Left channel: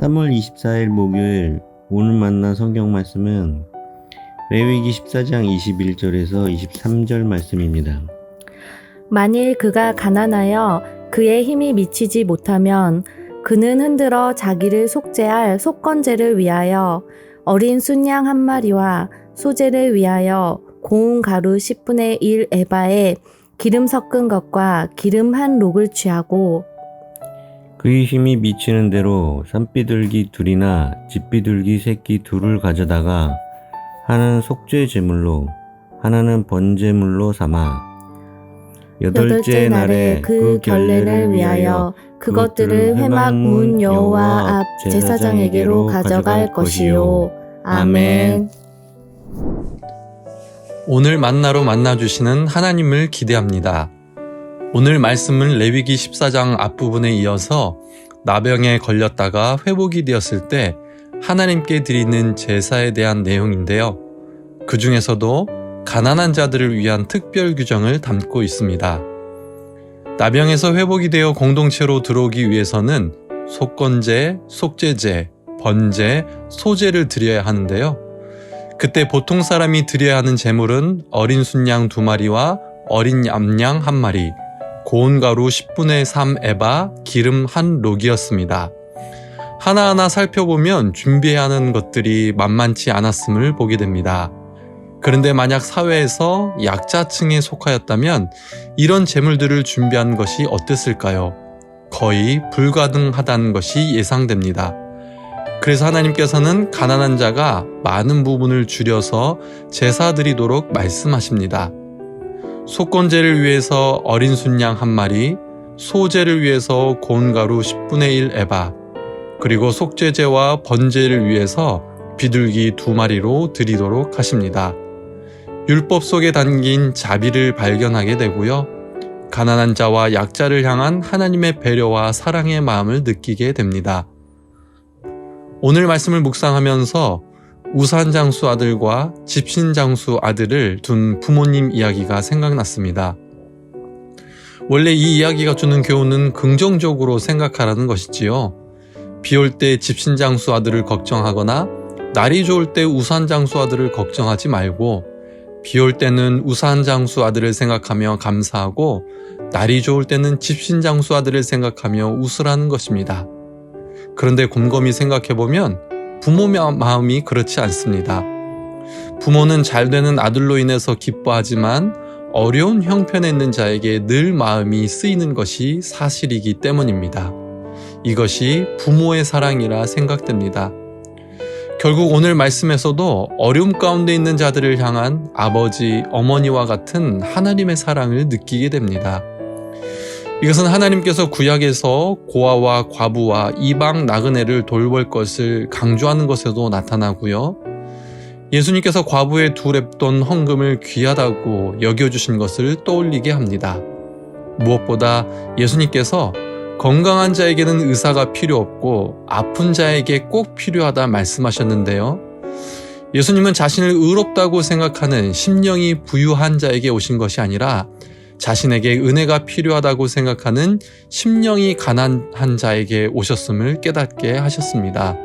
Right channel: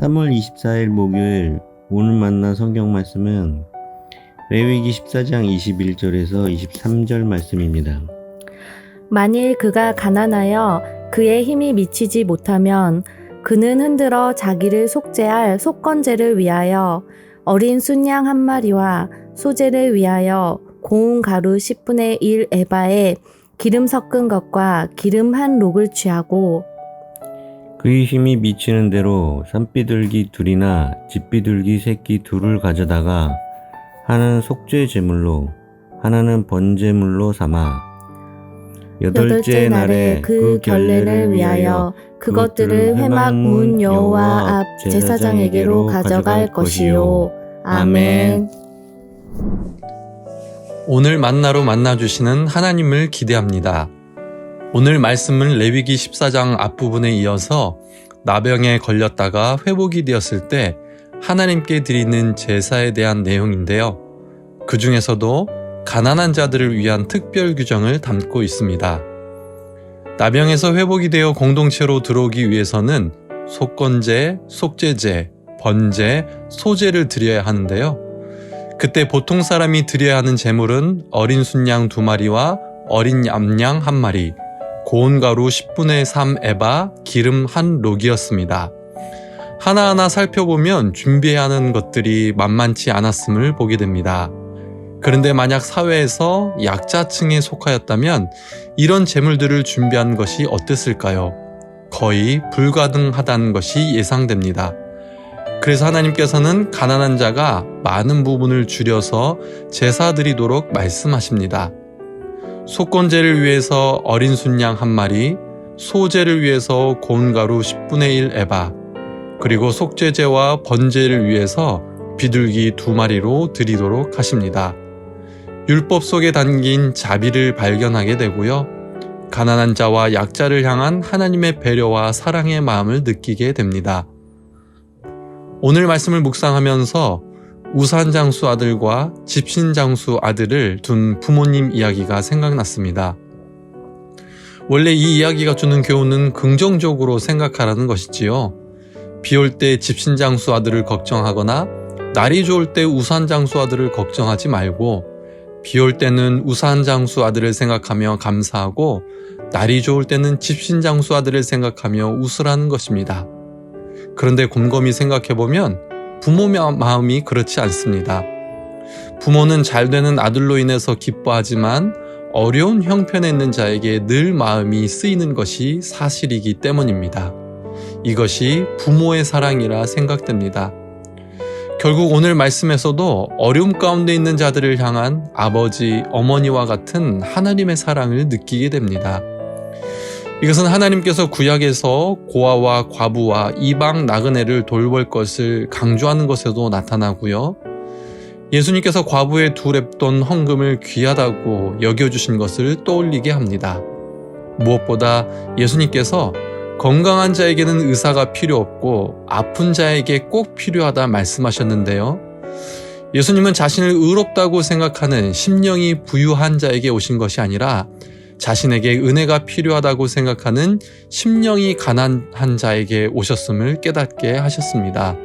3월 24일 목요일 오늘 만난 성경 말씀은 레위기 14장 21절에서 23절 말씀입니다. 만일 그가 가난하여 그의 힘이 미치지 못하면 그는 흔들어 자기를 속죄할 속건제를 위하여 어린 순양 한 마리와 소제를 위하여 고운 가루 10분의 1 에바에 기름 섞은 것과 기름 한 록을 취하고 그의 힘이 미치는 대로 산비둘기 둘이나 집비둘기 새끼 둘을 가져다가 하나는 속죄 제물로 하나는 번제물로 삼아 여덟째 날에 그 결례를 위하여 그것들을 회막 문 여호와 앞 제사장에게로 가져갈 것이요. 아멘. 오늘 만나로 만나주시는 하나님을 기대합니다. 오늘 말씀은 레위기 14장 앞부분에 이어서 나병에 걸렸다가 회복이 되었을 때 하나님께 드리는 제사에 대한 내용인데요. 그 중에서도 가난한 자들을 위한 특별 규정을 담고 있습니다. 나병에서 회복이 되어 공동체로 들어오기 위해서는 속건제, 속죄제, 번제, 소제를 드려야 하는데요. 그때 보통 사람이 드려야 하는 제물은 어린 순양 2마리와 어린 암양 1마리, 고운 가루 10분의 3 에바, 기름 한 록이었습니다. 하나하나 살펴보면 준비해야 하는 것들이 만만치 않았음을 보게 됩니다. 그런데 만약 사회에서 약자층에 속하였다면 이런 제물들을 준비한 것이 어땠을까요? 거의 불가능하다는 것이 예상됩니다. 그래서 하나님께서는 가난한 자가 많은 부분을 줄여서 제사 드리도록 말씀하십니다. 속건제를 위해서 어린 순양 1마리, 소제를 위해서 고운 가루 10분의 1 에바, 그리고 속죄제와 번제를 위해서 비둘기 2마리로 드리도록 하십니다. 율법 속에 담긴 자비를 발견하게 되고요. 가난한 자와 약자를 향한 하나님의 배려와 사랑의 마음을 느끼게 됩니다. 오늘 말씀을 묵상하면서 우산장수 아들과 집신장수 아들을 둔 부모님 이야기가 생각났습니다. 원래 이 이야기가 주는 교훈은 긍정적으로 생각하라는 것이지요. 비올 때 집신장수 아들을 걱정하거나 날이 좋을 때 우산장수 아들을 걱정하지 말고 비올 때는 우산장수 아들을 생각하며 감사하고 날이 좋을 때는 집신장수 아들을 생각하며 웃으라는 것입니다. 그런데 곰곰이 생각해보면 부모 마음이 그렇지 않습니다. 부모는 잘 되는 아들로 인해서 기뻐하지만 어려운 형편에 있는 자에게 늘 마음이 쓰이는 것이 사실이기 때문입니다. 이것이 부모의 사랑이라 생각됩니다. 결국 오늘 말씀에서도 어려움 가운데 있는 자들을 향한 아버지, 어머니와 같은 하나님의 사랑을 느끼게 됩니다. 이것은 하나님께서 구약에서 고아와 과부와 이방 나그네를 돌볼 것을 강조하는 것에도 나타나고요. 예수님께서 과부의 2렙돈 헌금을 귀하다고 여겨주신 것을 떠올리게 합니다. 무엇보다 예수님께서 건강한 자에게는 의사가 필요 없고 아픈 자에게 꼭 필요하다 말씀하셨는데요. 예수님은 자신을 의롭다고 생각하는 심령이 부유한 자에게 오신 것이 아니라 자신에게 은혜가 필요하다고 생각하는 심령이 가난한 자에게 오셨음을 깨닫게 하셨습니다.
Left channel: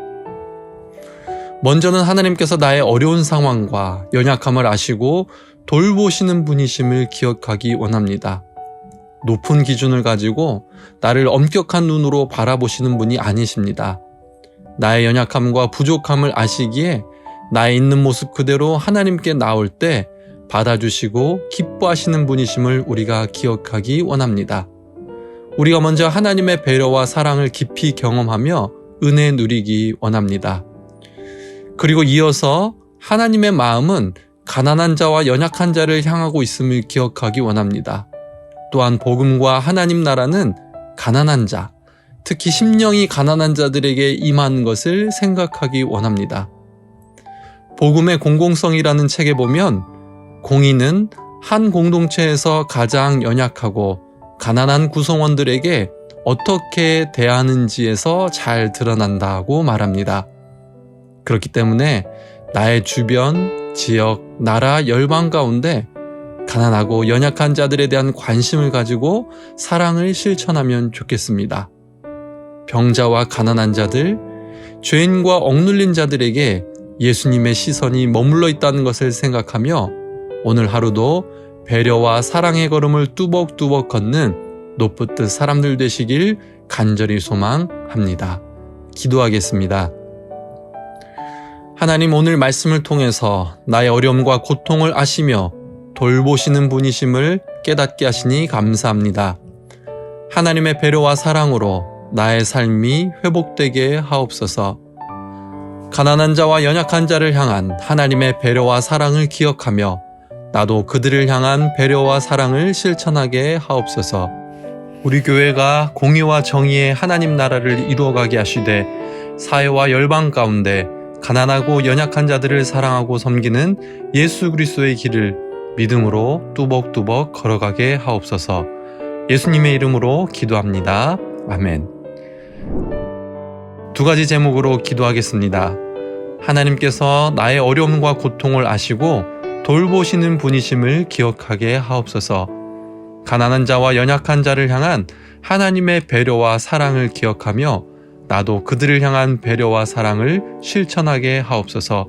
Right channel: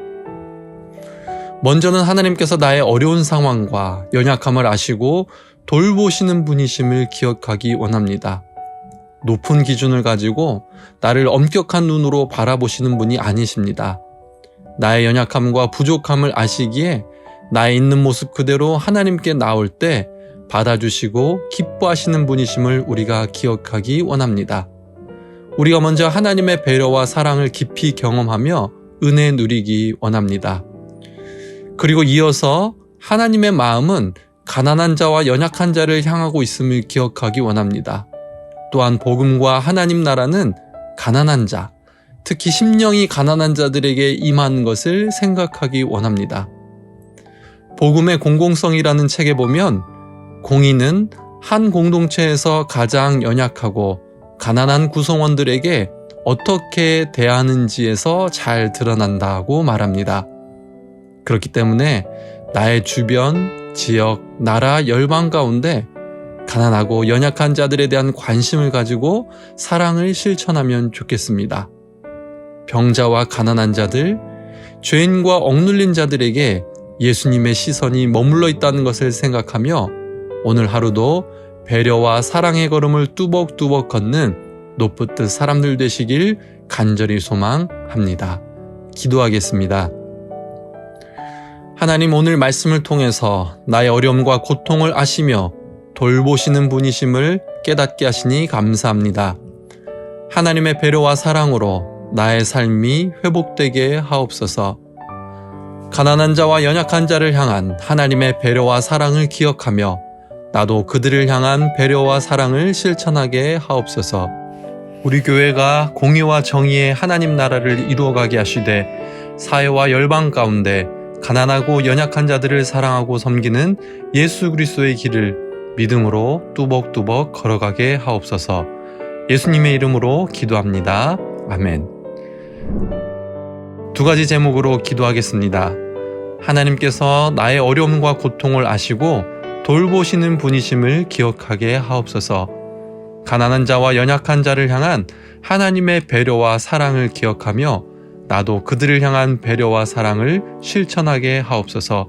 먼저는 하나님께서 나의 어려운 상황과 연약함을 아시고 돌보시는 분이심을 기억하기 원합니다. 높은 기준을 가지고 나를 엄격한 눈으로 바라보시는 분이 아니십니다. 나의 연약함과 부족함을 아시기에 나의 있는 모습 그대로 하나님께 나올 때 받아주시고 기뻐하시는 분이심을 우리가 기억하기 원합니다. 우리가 먼저 하나님의 배려와 사랑을 깊이 경험하며 은혜 누리기 원합니다. 그리고 이어서 하나님의 마음은 가난한 자와 연약한 자를 향하고 있음을 기억하기 원합니다. 또한 복음과 하나님 나라는 가난한 자, 특히 심령이 가난한 자들에게 임하는 것을 생각하기 원합니다. 복음의 공공성이라는 책에 보면 공의는 한 공동체에서 가장 연약하고 가난한 구성원들에게 어떻게 대하는지에서 잘 드러난다고 말합니다. 그렇기 때문에 나의 주변, 지역, 나라, 열방 가운데 가난하고 연약한 자들에 대한 관심을 가지고 사랑을 실천하면 좋겠습니다. 병자와 가난한 자들, 죄인과 억눌린 자들에게 예수님의 시선이 머물러 있다는 것을 생각하며 오늘 하루도 배려와 사랑의 걸음을 뚜벅뚜벅 걷는 노프트 사람들 되시길 간절히 소망합니다. 기도하겠습니다. 하나님, 오늘 말씀을 통해서 나의 어려움과 고통을 아시며 돌보시는 분이심을 깨닫게 하시니 감사합니다. 하나님의 배려와 사랑으로 나의 삶이 회복되게 하옵소서. 가난한 자와 연약한 자를 향한 하나님의 배려와 사랑을 기억하며 나도 그들을 향한 배려와 사랑을 실천하게 하옵소서. 우리 교회가 공의와 정의의 하나님 나라를 이루어가게 하시되 사회와 열방 가운데 가난하고 연약한 자들을 사랑하고 섬기는 예수 그리스도의 길을 믿음으로 뚜벅뚜벅 걸어가게 하옵소서. 예수님의 이름으로 기도합니다. 아멘. 두 가지 제목으로 기도하겠습니다. 하나님께서 나의 어려움과 고통을 아시고 돌보시는 분이심을 기억하게 하옵소서. 가난한 자와 연약한 자를 향한 하나님의 배려와 사랑을 기억하며 나도 그들을 향한 배려와 사랑을 실천하게 하옵소서.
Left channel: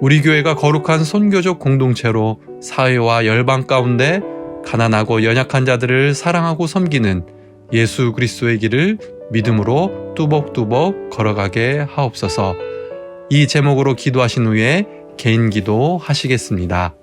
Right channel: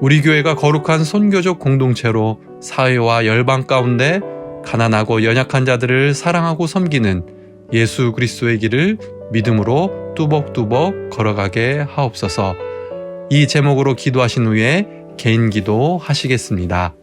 우리 교회가 거룩한 선교적 공동체로 사회와 열방 가운데 가난하고 연약한 자들을 사랑하고 섬기는 예수 그리스도의 길을 믿음으로 뚜벅뚜벅 걸어가게 하옵소서. 이 제목으로 기도하신 후에 개인 기도 하시겠습니다.